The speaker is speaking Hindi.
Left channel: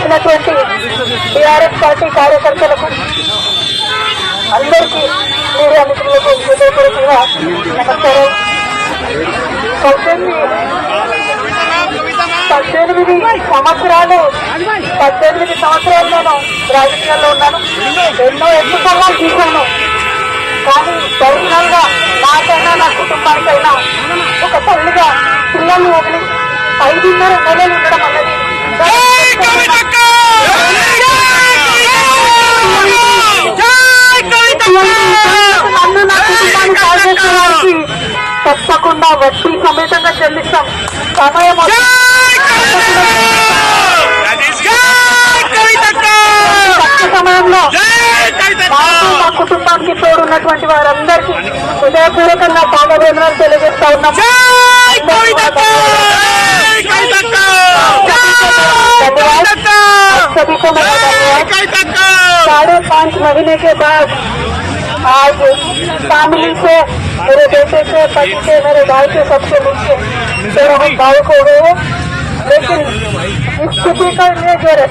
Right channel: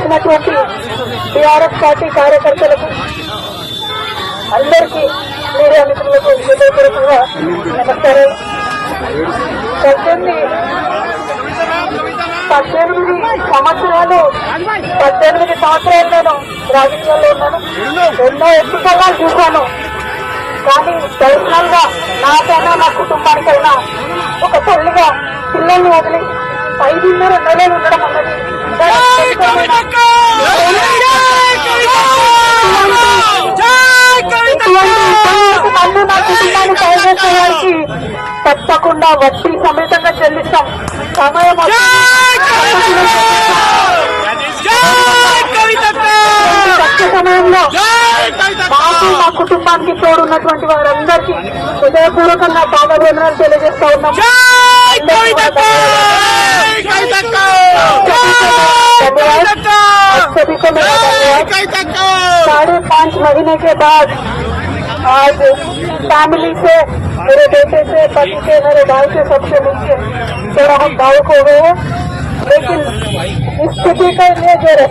వచ్చినటువంటి టీఆర్ఎస్ పార్టీ కార్యకర్తలకు అందరికీ మీడియా మిత్రులకు హృదయపూర్వకంగా నమస్కారం. పద్దెనిమిది పద్దెనిమిది సంవత్సరాలు పద్దెనిమిది సంవత్సరాలు నేను రాజకీయాల్లో ఉన్నాను. ఎన్నో ఎత్తుకోవాలు చూశాను. కానీ దౌర్యంగా నాకైనా నా కుటుంబానికైనా ఒక తల్లిగా పిల్లల్ని వదిలి ఐదున్నర నెలలు ఉండడం అన్నది తప్పకుండా వడ్డీ సమేతంగా చెల్లిస్తాం సమయం వస్తే తక్కువ సమయంలో మాకు మా కుటుంబానికి తోడున్నటువంటి వారందరికీ హృదయపూర్వకంగా పాదవేదనలు తెలియజేస్తా ఉన్నాం सभी को मेरा धन्यवाद साढ़े पाँच महीने के बाद आज फैमिली से, मेरे बेटे से, पति से, मेरे भाई से, सबसे मिलकर तो हम भावुक हो गए हैं। लेकिन स्थिति पर ये जो